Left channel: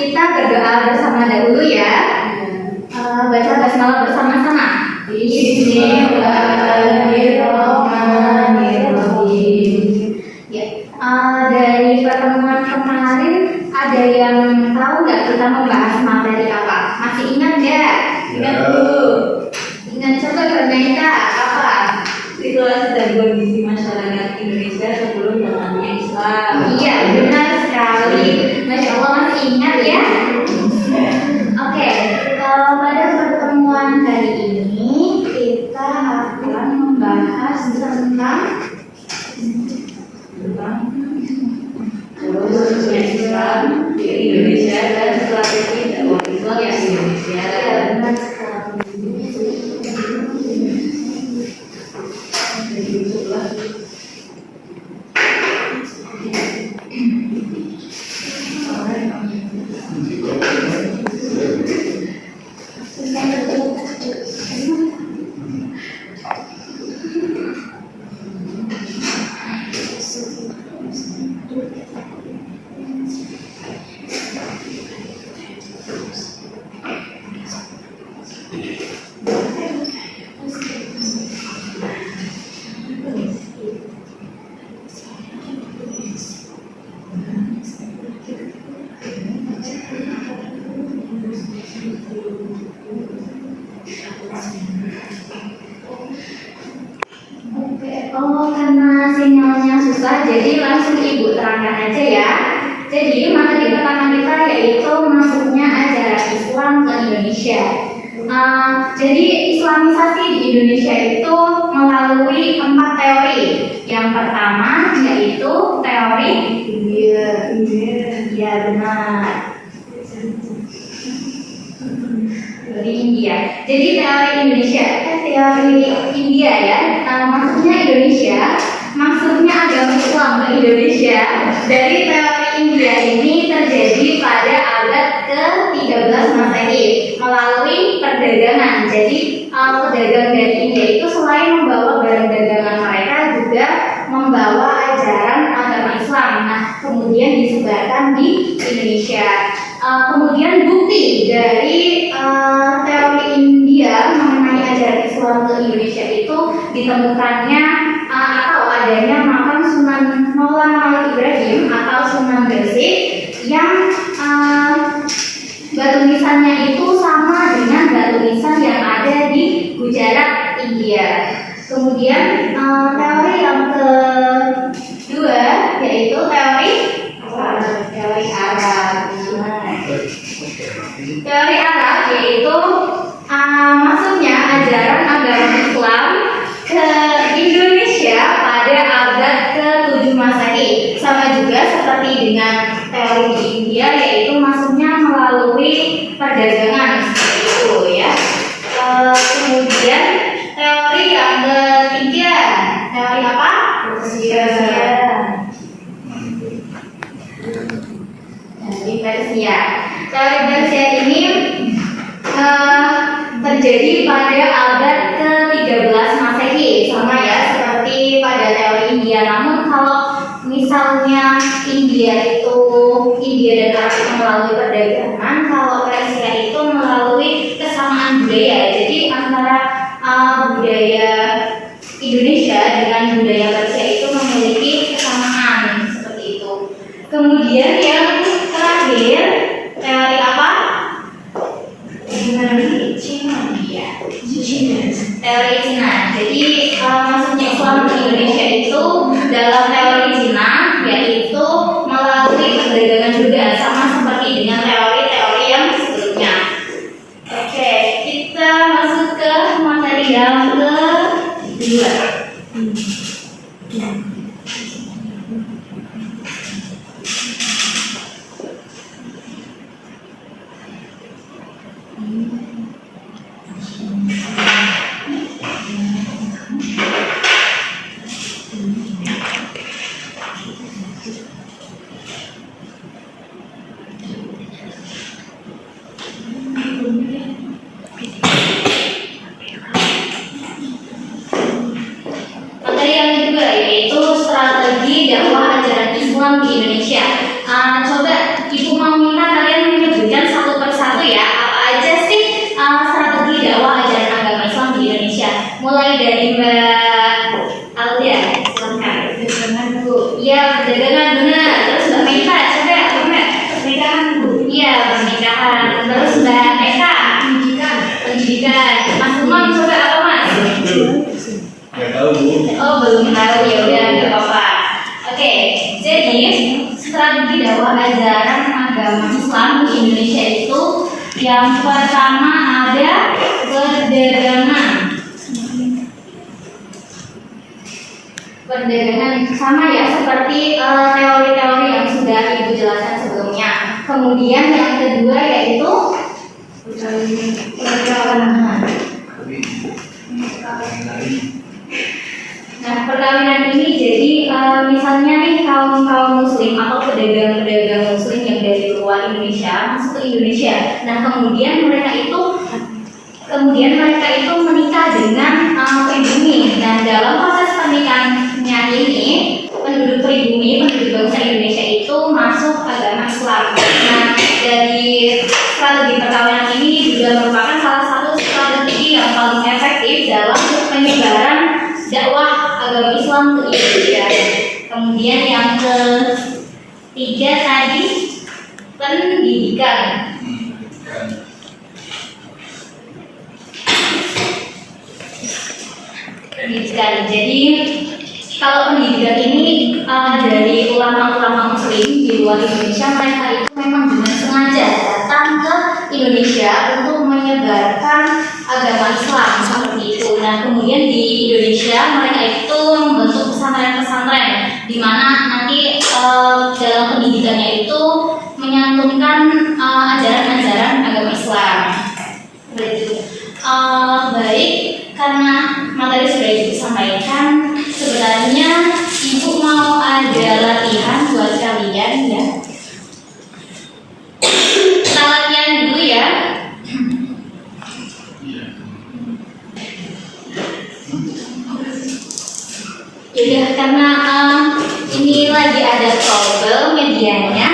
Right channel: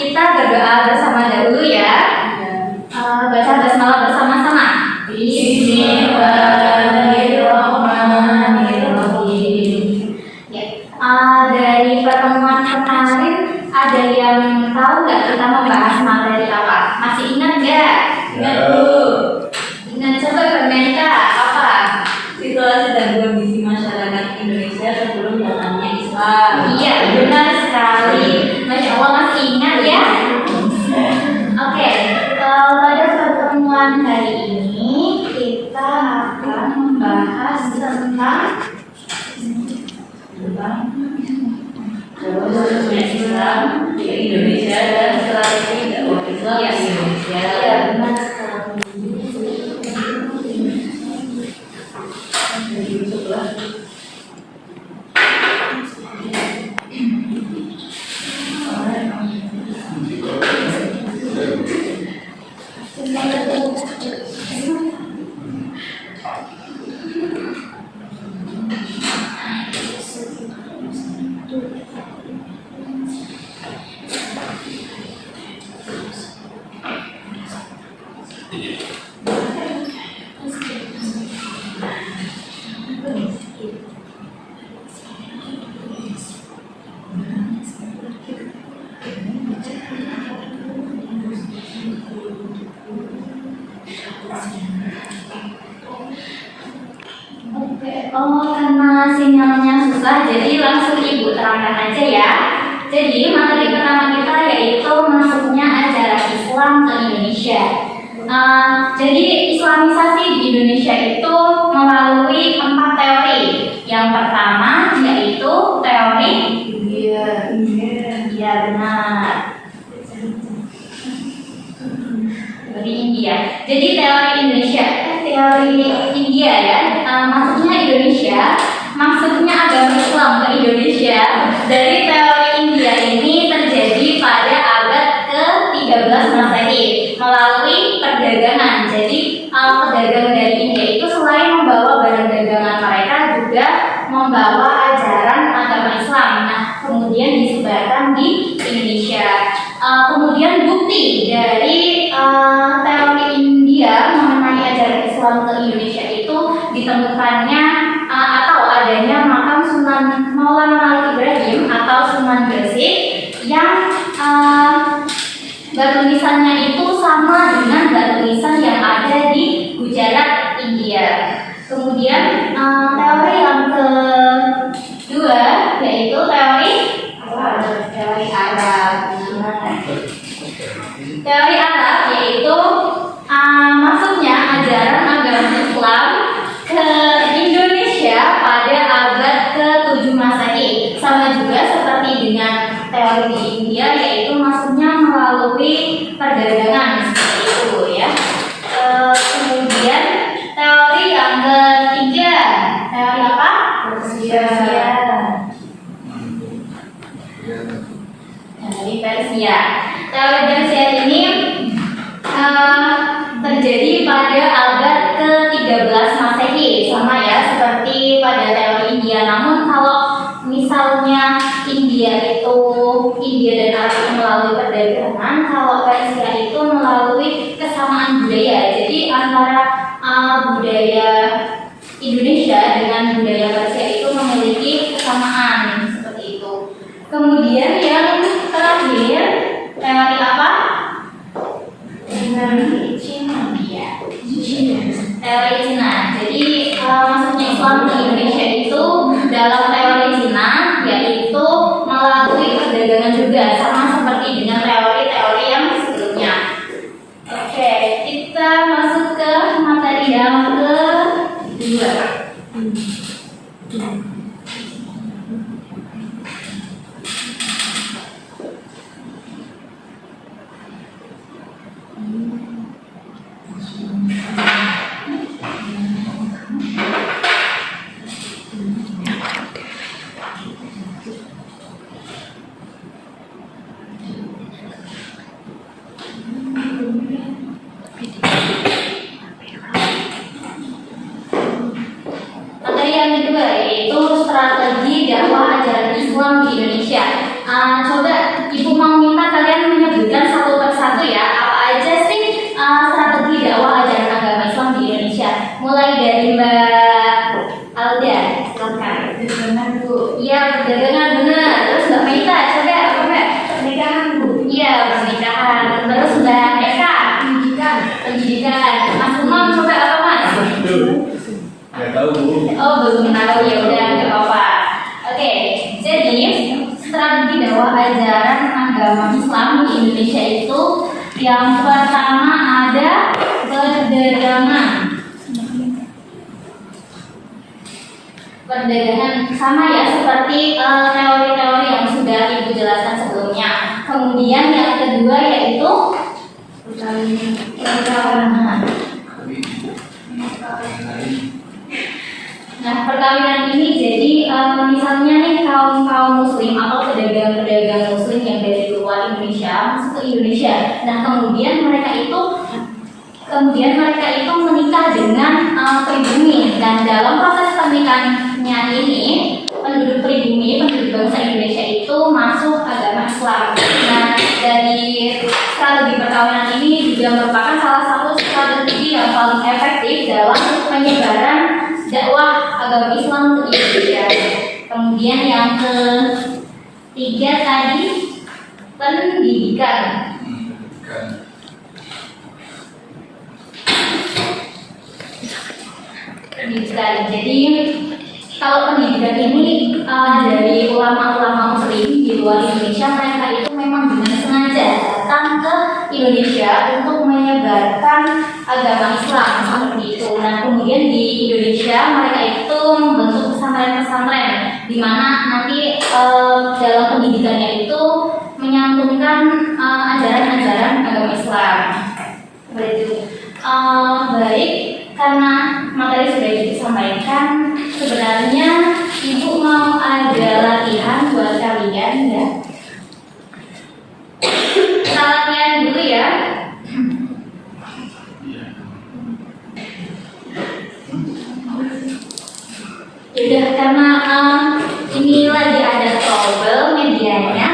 kita berdoa bersama dahulu ya. Baca basmalah bersama-sama. Bismillahirrahmanirrahim. Ya, dari pertemuan kemarin ada yang tahu nggak kita membahas materi apa? Masih ingat nggak? Ingat Bu? Ingat, coba Mbak apa? Situasi dan kondisi masyarakat Indonesia sebelum datangnya Islam. Iya, benar sekali. Masya Allah masih ingat ya. Oke, pada pertemuan hari ini kita akan membahas tentang Islam di Indonesia dan strategi dakwah Islam di Indonesia. Ya, benar sekali. Oh, karena sinyalnya susah, jadi langsung Ibu terangkan aja ya. Jadi materi pertama kita yaitu masuknya ajaran Islam ke Indonesia. Jadi Islamisasi di Indonesia itu melalui 4 teori. Yang pertama yaitu teori India, benar. Teori India. Jadi teori India ya. Maksudnya Indonesia, maksudnya agama Islam ke Indonesia. Dari teori India ini terjadi pada abad ke-13 Masehi melalui perdagangan. Jadi pedagang dari India itu selain membawa barang dagangan mereka juga membawa ajaran agama Islam. Nah, kemudian disebarkan di Indonesia. Kemudian bukti dari teori India mengenai ajaran Islam ke Indonesia itu ditemukannya atau adanya makam Sunan Maulana Malik Ibrahim atau Sunan Gresik yang batu nisannya itu sama dengan batu nisan yang ada di Gujarat, India. Kemudian teori yang kedua yaitu teori Arab. Teori Arab yaitu maksudnya ajaran agama Islam ke Indonesia pada abad ke-7 Masehi. Sama juga seperti dengan teori di India, yaitu maksudnya melalui perdagangan seperti itu ya. Kemudian teori yang ketiga, teori apa? Persia. Teori Persia ini terjadi pada abad ke-13 Masehi, sama ya seperti pada teori India. Namun kalau misalnya India dan Arab itu melalui perdagangan, kalau Persia itu melalui kesamaan budaya. Jadi antara budaya Indonesia dengan budaya Persia itu memiliki kesamaan seperti itu. Kemudian yang terakhir, teori apa? Teori Cina. Teori Cina. Jadi maksudnya Islam di Indonesia itu dalam teori Cina yaitu melalui perdagangan juga, sama seperti dengan teori-teori yang sebelumnya. Oke, kita masuk ke materi yang kedua. Materi yang kedua yaitu strategi dakwah ajaran Islam di Indonesia. Coba Ibu mau minta kalian menyebut satu ya, apa aja sih strategi dakwah ajaran agama Islam di Indonesia? Mulai dari Mbak Aldia, silakan. Perdagangan Bu. Iya, perdagangan benar. Terus Mbak Meta, coba apa Mbak? Pernikahan Bu. Iya, pernikahan. Terus Mbak Eka, Pendidikan. pendidikan. Mas Umam, coba apa Mas? Nggak tahu Bu. Oh, belum tahu, ya udah nggak apa-apa. Oke, jadi strategi dakwah ajaran agama Islam di Indonesia itu yang pertama ada perdagangan. Perdagangan sama ya seperti teori-teori yang sudah Ibu jelaskan sebelumnya. Kemudian yang kedua yaitu perkawinan. Nah, perkawinan ini jadi misalnya nih kaum muslim atau pedagang-pedagang muslim yang dari luar Indonesia masuk ke Indonesia. Nah, kemudian mereka itu menikah dengan pribumi, dan dalam proses pernikahannya ini penduduk pribumi, penduduk bangsa Indonesia itu masuk agama Islam. Nah, dari strategi perkawinan ini juga merupakan salah satu strategi yang paling efektif dalam penyebaran dakwah agama Islam ke Indonesia. Kemudian yang ketiga tadi pendidikan. Pendidikan. Jadi kalau pendidikan ini dari ulama-ulama Muslim di luar Indonesia, mereka itu memang dengan sengaja datang ke Indonesia untuk menyebarkan agama Islam seperti itu. Nah, kemudian di Indonesia mereka itu membentuk pesantren-pesantren di mana nanti dalam pendidikannya itu menyantumkan ajaran-ajaran agama Islam. Seperti itu. Baik, karena materi sudah disampaikan, sebenarnya Ibu mau ada latihan buat kalian ya. Kita latihan dulu ya. Jadi karena ini lagi ada trouble medianya,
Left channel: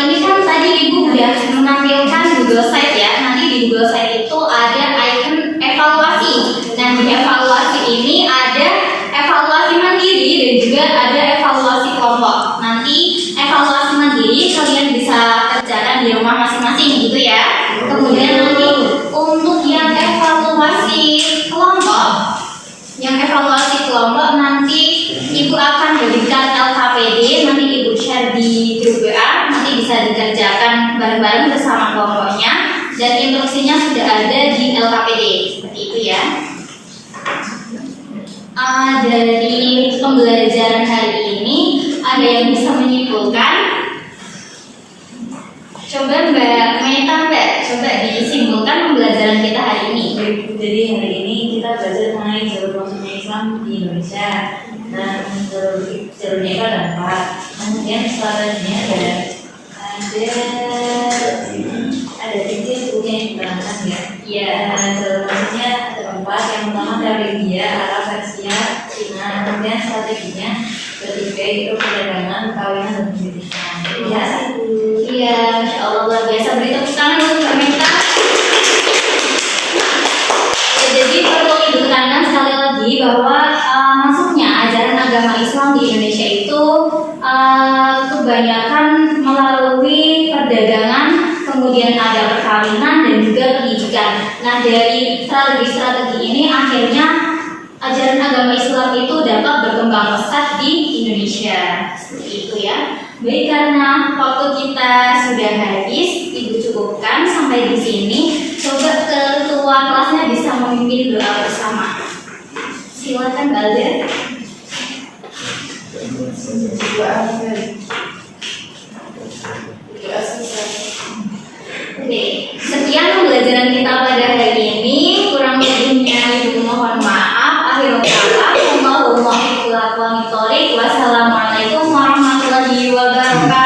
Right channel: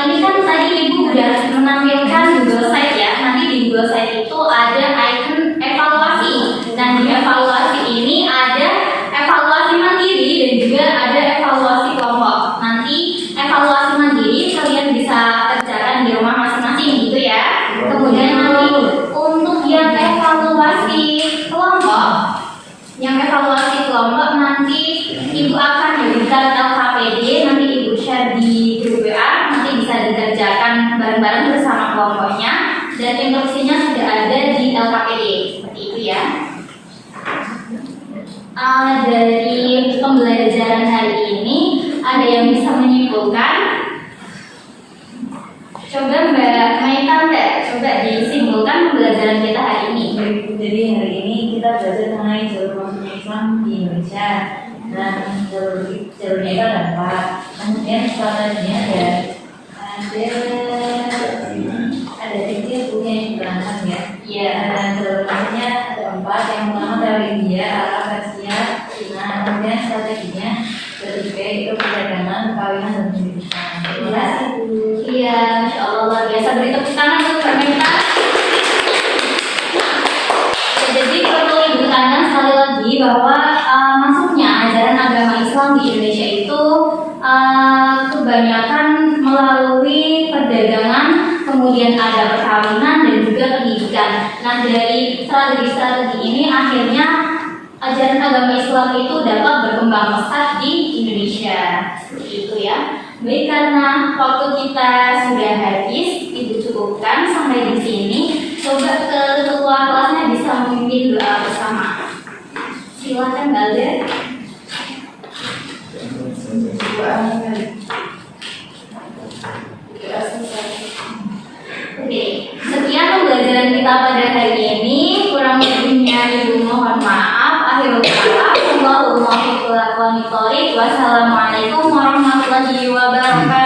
ini kan tadi Ibu udah menampilkan Google Site ya. Nanti di Google Site itu ada icon evaluasi. Nah, di evaluasi ini ada evaluasi mandiri dan juga ada evaluasi kelompok. Nanti evaluasi mandiri kalian bisa kerjakan di rumah masing-masing gitu ya. Kemudian nanti untuk yang evaluasi kelompok nanti Ibu akan berikan LKPD, nanti Ibu share di grup WA, nanti bisa dikerjakan bareng-bareng bersama kelompoknya, dan instruksinya sudah ada di LKPD seperti itu ya. Dari pembelajaran hari ini ada yang bisa menyimpulkan? Coba Mbak Maita, coba disimpulkan pembelajaran kita hari ini. Jadi hari ini kita belajar mengenai jalur masuknya Islam di Indonesia, dan jalurnya itu ada 4. Kemudian strateginya ada 3 buku yang diterangkan ya. Iya. Dan jalur masuknya ada 4. Yang pertama dari India, Arab, Persia, Cina. Kemudian strateginya ketiga itu perdagangan, perkawinan, dan pendidikan. Terima kasih Bu. Iya, Masya Allah luar biasa. Beri tepuk tangan untuk Mbak Maita. Jadi perlu Ibu tekankan sekali lagi bahwa masuknya ajaran agama Islam di Indonesia itu kebanyakan melalui perdagangan, kemudian ada perkawinan dan juga pendidikan. Nah, dari strategi-strategi ini akhirnya ajaran agama Islam itu dapat berkembang pesat di Indonesia. Seperti itu ya. Baik, karena waktu kita sudah habis, Ibu cukupkan sampai di sini. Coba ketua kelasnya bisa memimpin doa bersama. Silakan Mbak Alda. Oke, sekian pembelajaran kita pada hari ini. Kurang lebihnya Ibu mohon maaf. Akhirul kalam. Wassalamualaikum warahmatullahi wabarakatuh.